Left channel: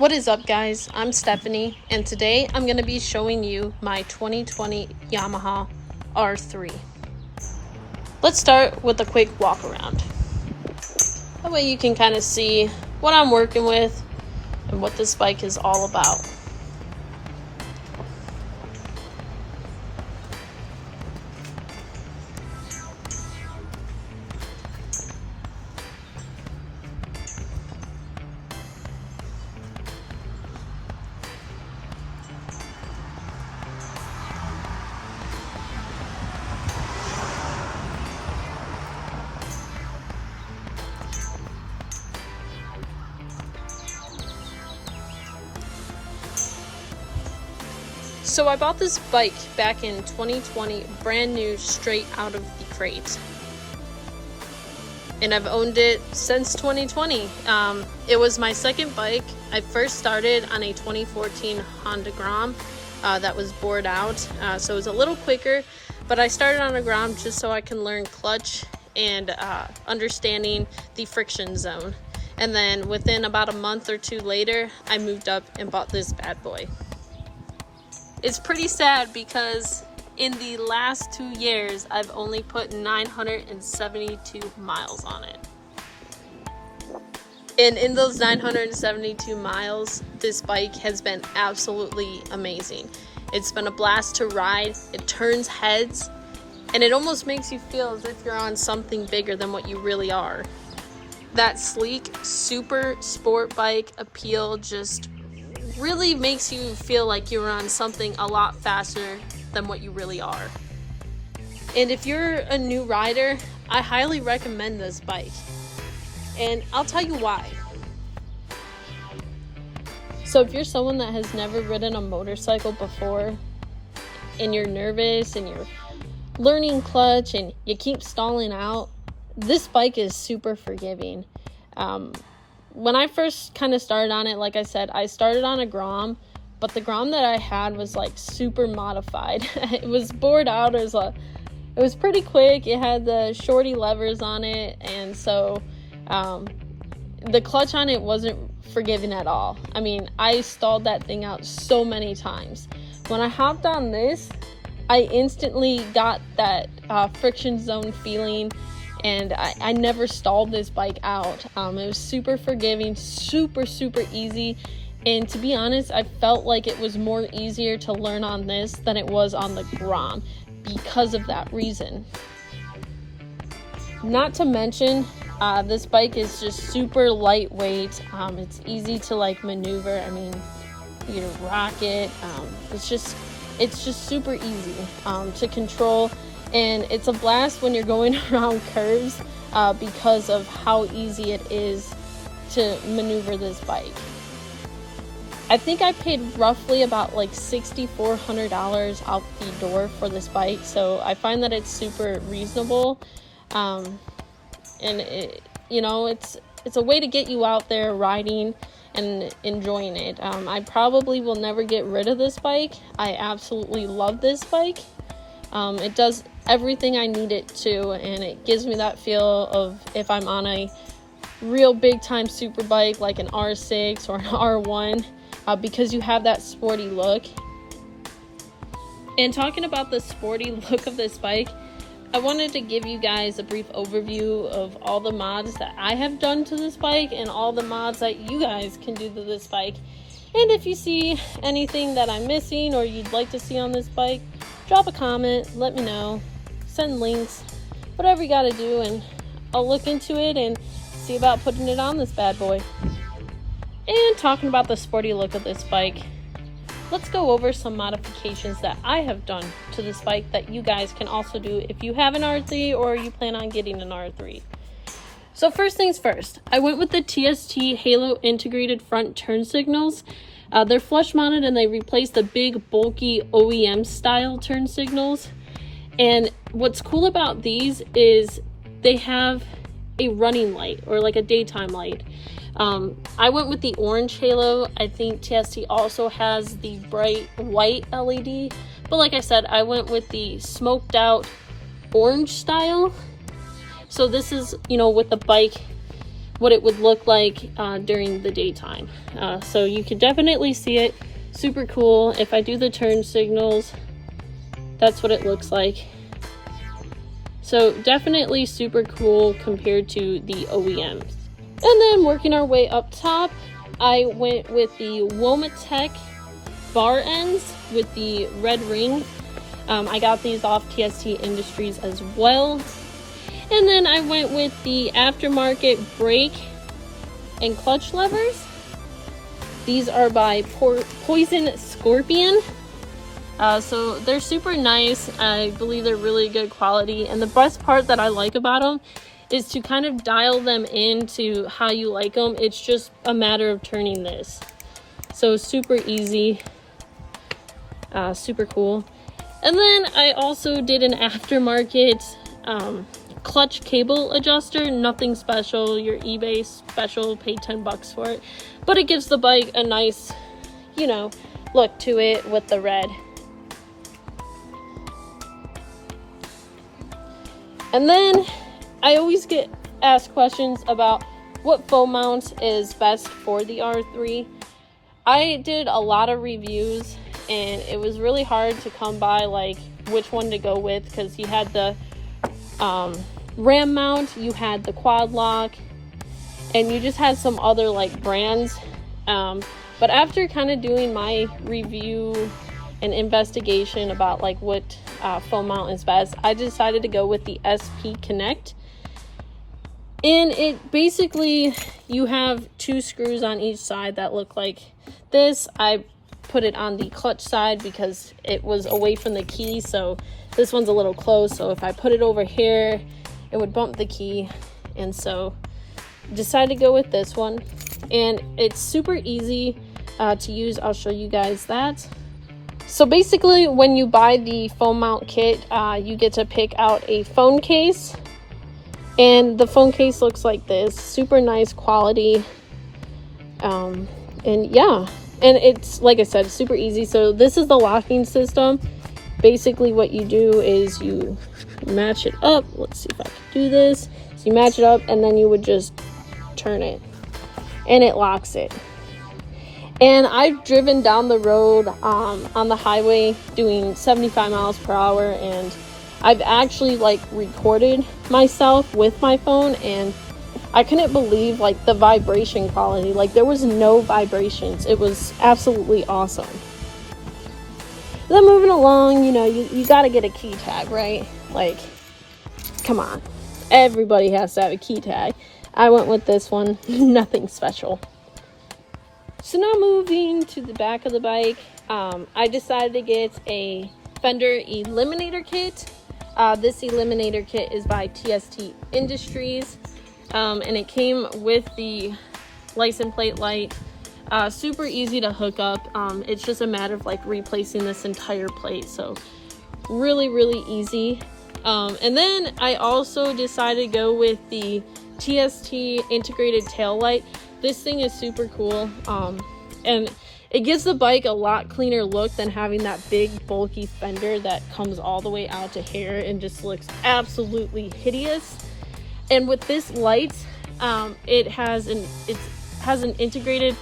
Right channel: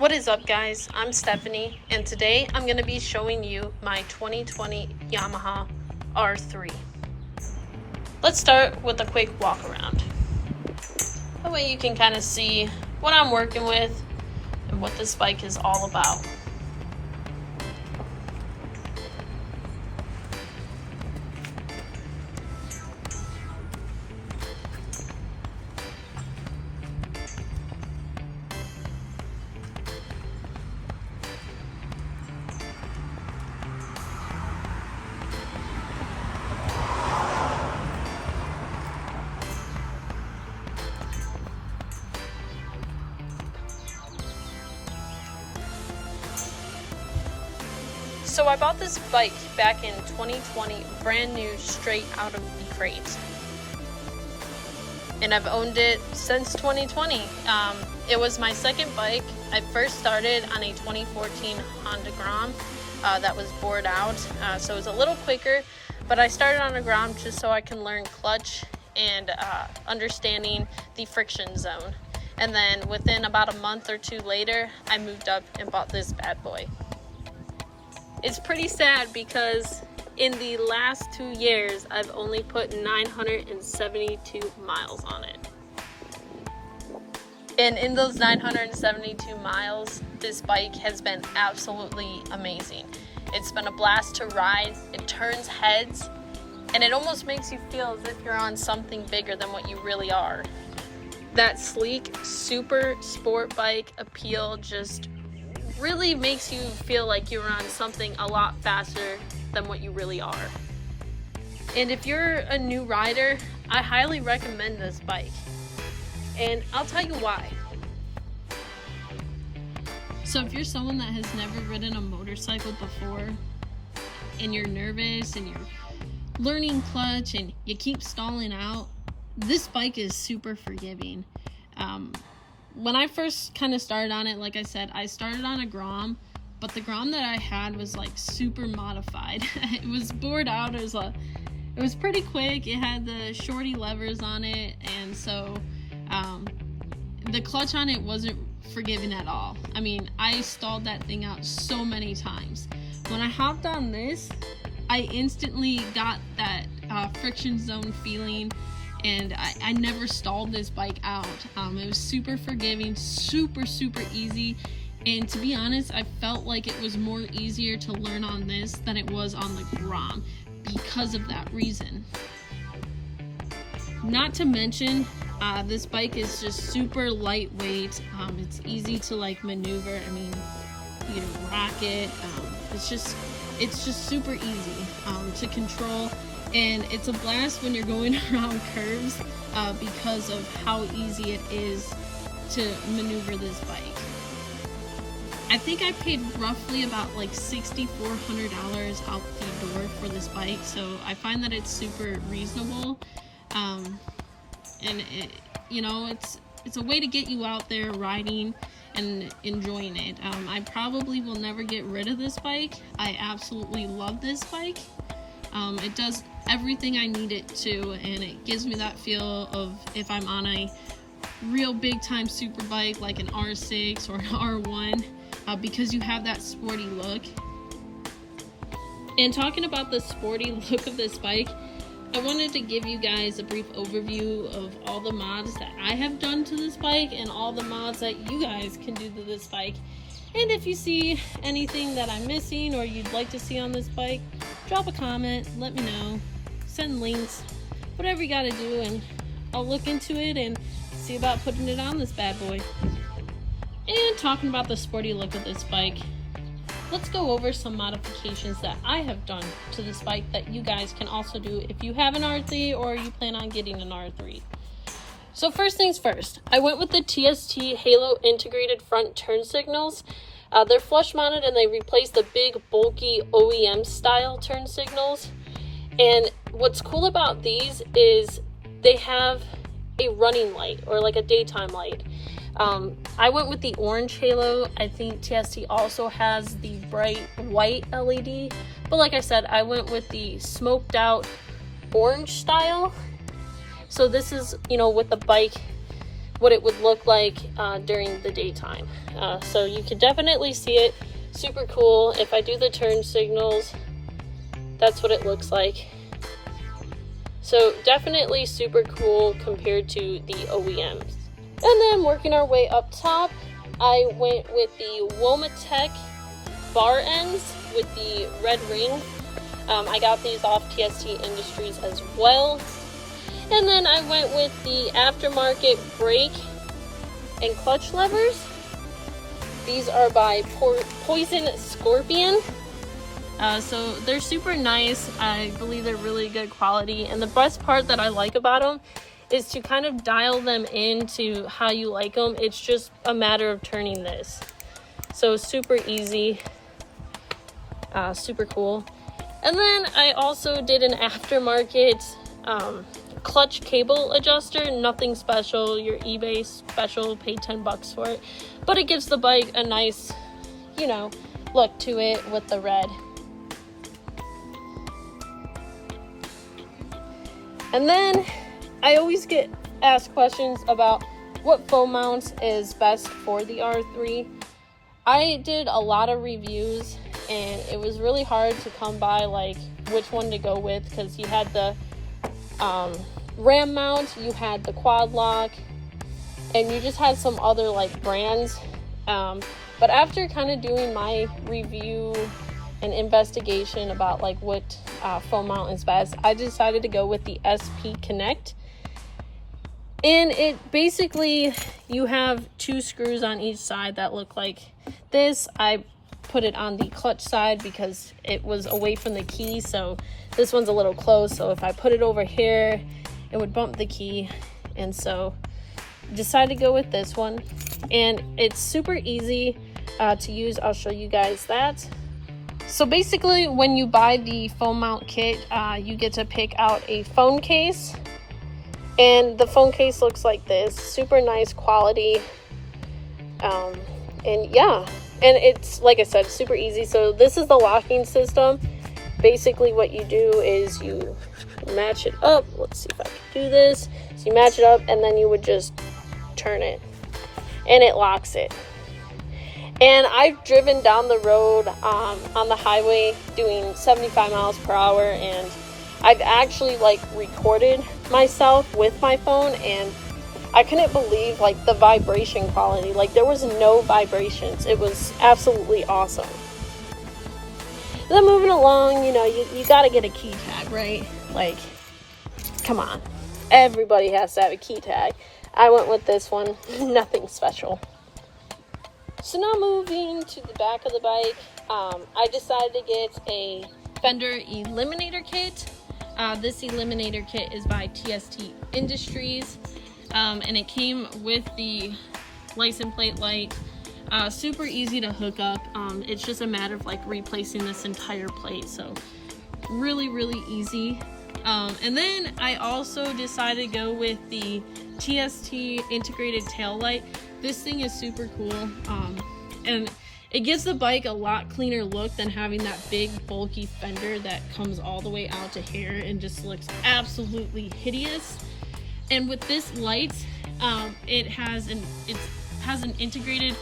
What is up, guys? I'm Stephanie, and today I'm going to be showing you my 2020 Yamaha R3. Let's start with a quick walk around. That way you can kind of see what I'm working with and what this bike is all about. So I bought this bike back in 2020, brand new, straight out of the crate. And I've owned it since 2020. It was my second bike. I first started on a 2014 Honda Grom that was bored out, so it was a little quicker, but I started on a Grom just so I can learn clutch and understanding the friction zone. And then within about a month or two later, I moved up and bought this bad boy. It's pretty sad because in the last 2 years, I've only put 972 miles on it. And in those 972 miles, this bike has been absolutely amazing. It's been a blast to ride, it turns heads, and it almost makes you feel as if you're on something bigger than what you really are. That sleek, super sport bike appeal just really makes you feel like you're on something a lot faster than what you really are. And if you're a new rider, I highly recommend this bike. And I'll tell you why. So if you're someone that has never ridden a motorcycle before, and you're nervous and you're learning clutch and you keep stalling out, this bike is super forgiving. When I first kind of started on it, like I said, I started on a Grom, but the Grom that I had was like super modified. It was bored out. It was pretty quick. It had the shorty levers on it, and so the clutch on it wasn't forgiving at all. I mean, I stalled that thing out so many times. When I hopped on this, I instantly got that friction zone feeling, and I never stalled this bike out. It was super forgiving, super easy, and to be honest, I felt like it was more easier to learn on this than it was on the Grom because of that reason. Not to mention, this bike is just super lightweight. It's easy to like maneuver. I mean, you rock it. It's just super easy to control. And it's a blast when you're going around curves because of how easy it is to maneuver this bike. I think I paid roughly about like $6,400 out the door for this bike, so I find that it's super reasonable. And it's a way to get you out there riding and enjoying it. I probably will never get rid of this bike. I absolutely love this bike. It does everything I need it to, and it gives me that feel of if I'm on a real big time super bike like an R6 or an R1, because you have that sporty look. And talking about the sporty look of this bike, I wanted to give you guys a brief overview of all the mods that I have done to this bike and all the mods that you guys can do to this bike. And if you see anything that I'm missing or you'd like to see on this bike, drop a comment, let me know, send links, whatever you gotta do, and I'll look into it and see about putting it on this bad boy. And talking about the sporty look of this bike, let's go over some modifications that I have done to this bike that you guys can also do if you have an R3 or you plan on getting an R3. So first things first, I went with the TST Halo integrated front turn signals. They're flush mounted and they replace the big bulky OEM style turn signals. And what's cool about these is they have a running light or like a daytime light. I went with the orange Halo. I think TST also has the bright white LED, but like I said, I went with the smoked out orange style. So this is, with the bike what it would look like during the daytime. So you can definitely see it. Super cool. If I do the turn signals, that's what it looks like. So definitely super cool compared to the OEMs. And then working our way up top, I went with the Womatech bar ends with the red ring. I got these off TST Industries as well. And then I went with the aftermarket brake and clutch levers. These are by Poison Scorpion. So they're super nice. I believe they're really good quality. And the best part that I like about them is to kind of dial them into how you like them. It's just a matter of turning this. So super easy, super cool. And then I also did an aftermarket clutch cable adjuster. Nothing special, your eBay special, pay 10 bucks for it. But it gives the bike a nice, you know, look to it with the red. And then I always get asked questions about what foam mount is best for the R3. I did a lot of reviews and it was really hard to come by like which one to go with, because you had the ram mount, you had the quad lock, and you just had some other like brands. But after kind of doing my review and investigation about like what foam mount is best, I decided to go with the SP Connect. And it basically, you have 2 screws on each side that look like this. I put it on the clutch side because it was away from the key, so this one's a little close, so if I put it over here it would bump the key, and so decided to go with this one. And it's super easy to use. I'll show you guys that. So basically when you buy the foam mount kit, you get to pick out a phone case, and the phone case looks like this. Super nice quality, and yeah, and it's, like I said, super easy. So this is the locking system. Basically what you do is you match it up. Let's see if I can do this. So you match it up and then you would just turn it and it locks it. And I've driven down the road on the highway doing 75 miles per hour, and I've actually like recorded myself with my phone, and I couldn't believe like the vibration quality. Like there was no vibrations. It was absolutely awesome. And then moving along, you know, you gotta get a key tag, right? Like, come on. Everybody has to have a key tag. I went with this one. Nothing special. So now moving to the back of the bike, I decided to get a fender eliminator kit. This eliminator kit is by TST Industries, and it came with the license plate light. Super easy to hook up. It's just a matter of like replacing this entire plate, so really easy. And then I also decided to go with the TST integrated tail light. This thing is super cool, and it gives the bike a lot cleaner look than having that big bulky fender that comes all the way out to here and just looks absolutely hideous. And with this light, it has an integrated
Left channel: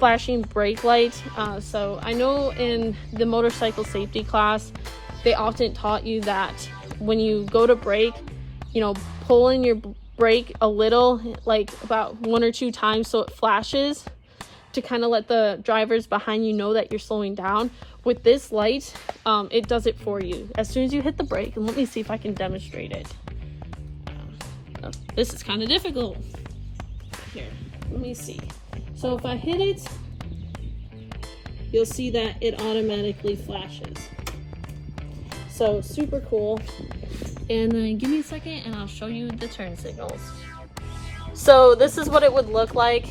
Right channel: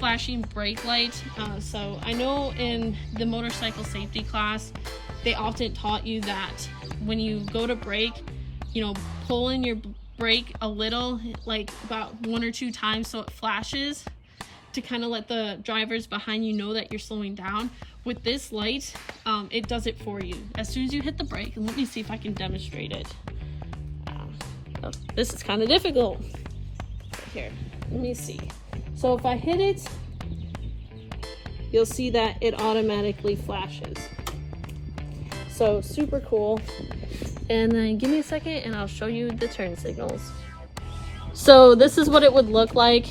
flashing brake light. So I know in the motorcycle safety class they often taught you that when you go to brake, you know, pull in your brake a little, like about 1 or 2 times, so it flashes to kind of let the drivers behind you know that you're slowing down. With this light, it does it for you as soon as you hit the brake. And let me see if I can demonstrate it. Oh, this is kind of difficult. Here, let me see. So if I hit it, you'll see that it automatically flashes. So super cool. And then give me a second and I'll show you the turn signals. So this is what it would look like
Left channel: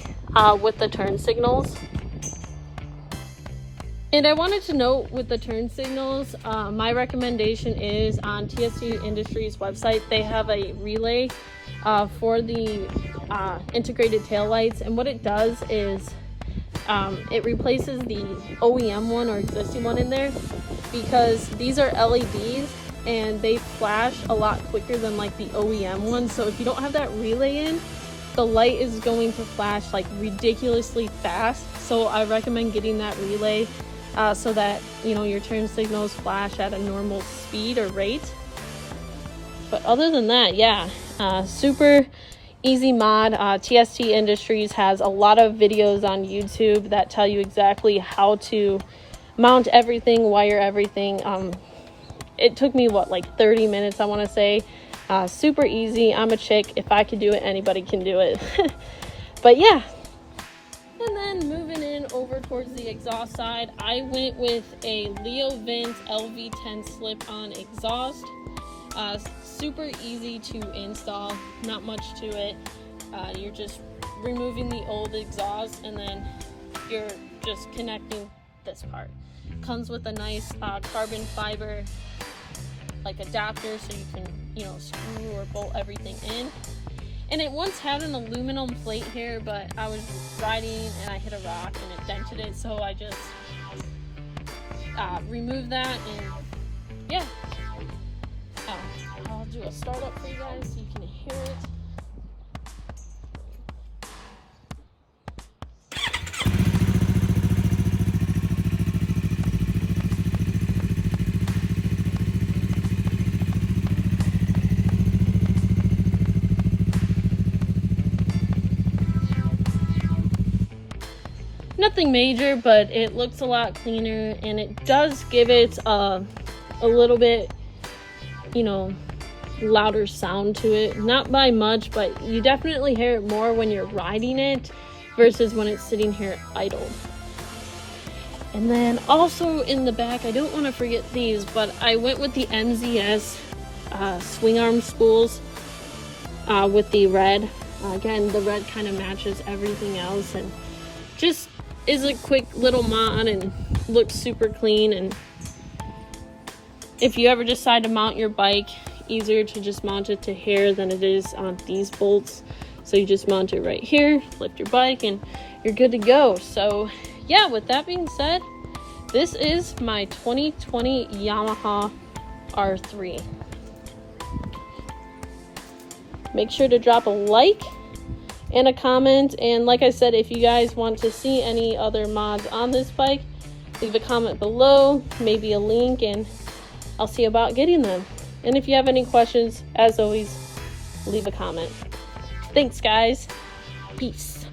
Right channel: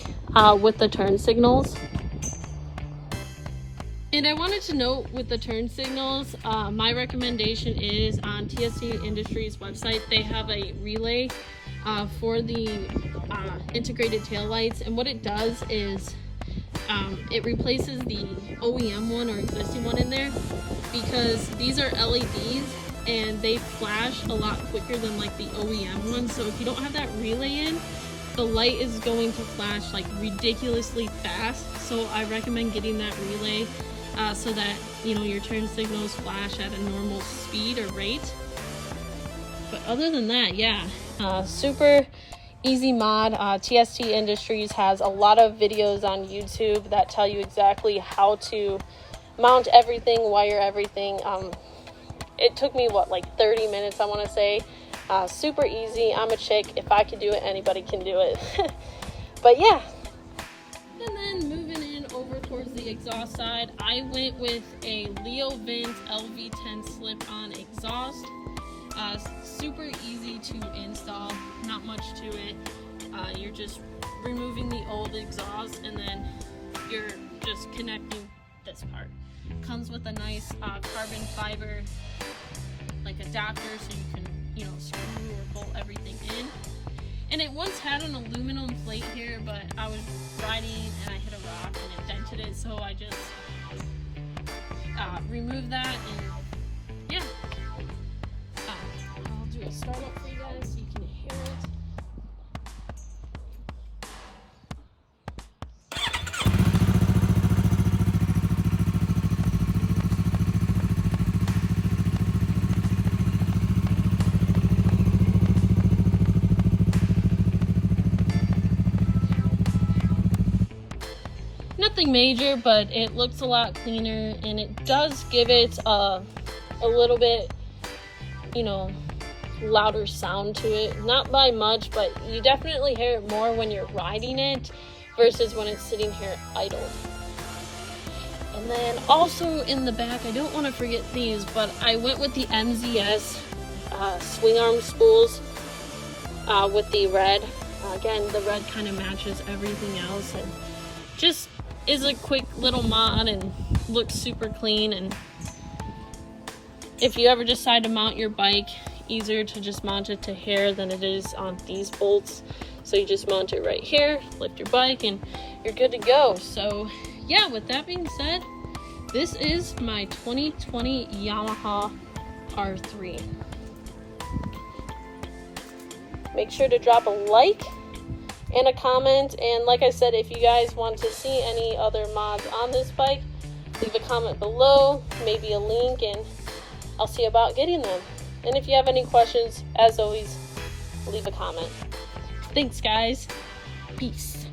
with the turn signals. And I wanted to note with the turn signals, my recommendation is on TST Industries website, they have a relay for the integrated taillights. And what it does is it replaces the OEM one or existing one in there, because these are LEDs and they flash a lot quicker than like the OEM one. So if you don't have that relay in, the light is going to flash like ridiculously fast. So I recommend getting that relay so that, you know, your turn signals flash at a normal speed or rate. But other than that, yeah, super easy mod. TST Industries has a lot of videos on YouTube that tell you exactly how to mount everything, wire everything. It took me like 30 minutes, I want to say. Super easy. I'm a chick. If I can do it, anybody can do it. But yeah. And then moving in over towards the exhaust side, I went with a Leo Vince LV10 slip-on exhaust. Super easy to install, not much to it. You're just removing the old exhaust and then you're just connecting this part. Comes with a nice carbon fiber like adapter so you can, you know, screw or bolt everything in. And it once had an aluminum plate here, but I was riding and I hit a rock and it dented it, so I just removed that. And yeah, I'll do a startup for you guys so you can hear it. Nothing major, but it looks a lot cleaner, and it does give it a little bit, you know, louder sound to it. Not by much, but you definitely hear it more when you're riding it versus when it's sitting here idle. And then also in the back, I don't want to forget these, but I went with the MZS swing arm spools with the red. Again, the red kind of matches everything else and just is a quick little mod and looks super clean. And if you ever decide to mount your bike, easier to just mount it to here than it is on these bolts. So you just mount it right here, lift your bike, and you're good to go. So yeah, with that being said, this is my 2020 Yamaha R3. Make sure to drop a like and a comment, and like I said, if you guys want to see any other mods on this bike, leave a comment below, maybe a link, and I'll see about getting them. And if you have any questions, as always, leave a comment. Thanks guys, peace.